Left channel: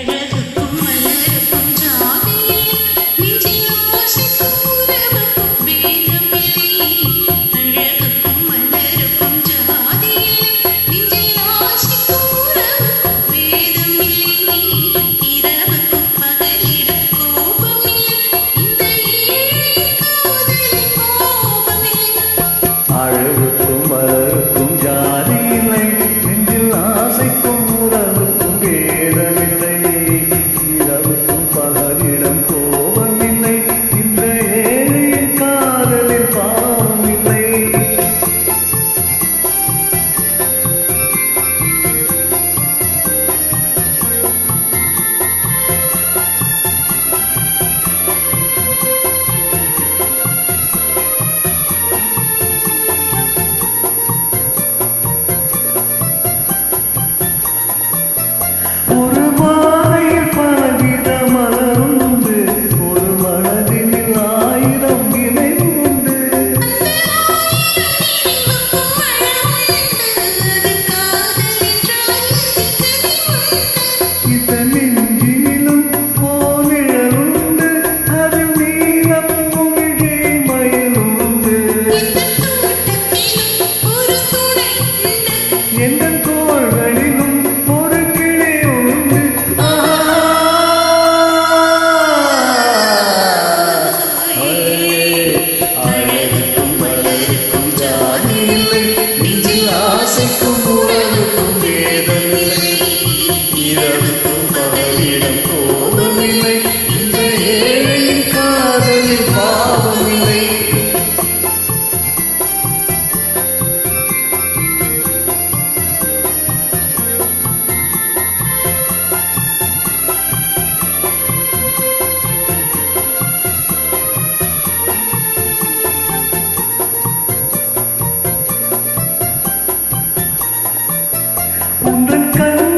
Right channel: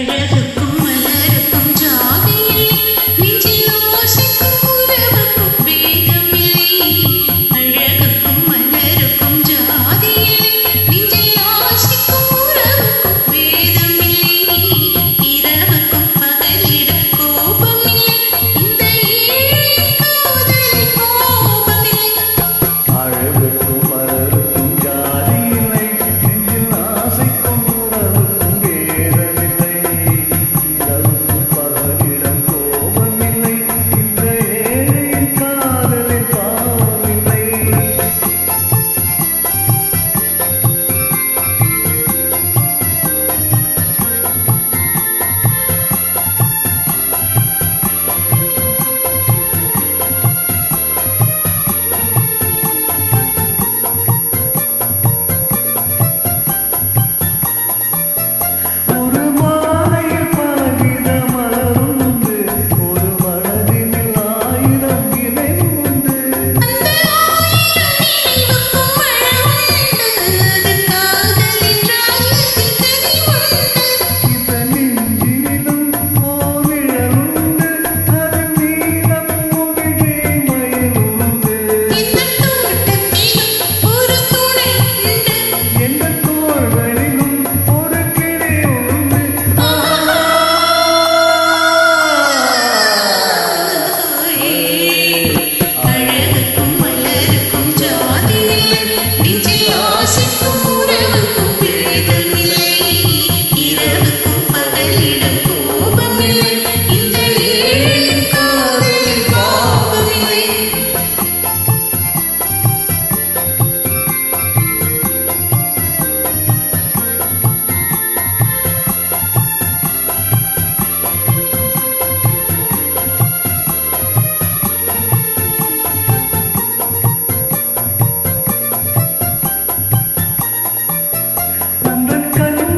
அழகுக்கும் மலருக்கும் ஜாதி இல்லை, நெஞ்சில் ஆசைக்கும் உறவுக்கும் பேதமில்லை. இரவுக்கும் பகலிடம் கோபமில்லை, இந்த ஏழையின் காதலில் பாவமில்லை. ஒரு மாலையில் பலவித மலருண்டு, ஒரு மனதினில் ஆயிரம் இணைவுண்டு. இந்த நெஞ்சினிலும் ஓவிழலுண்டு, அதில் நீல பூவிழி மயிலுண்டு. எந்த தோள்களிலும் அழகுக்கும் மலருக்கும் ஜாதி இல்லை, நெஞ்சில் ஆசைக்கும் உறவுக்கும் வேதமில்லை. இரவுக்கும் பகலிடம் கோபமில்லை, இந்த ஏழையின் காதலில் பாவமில்லை. உந்தன் கண்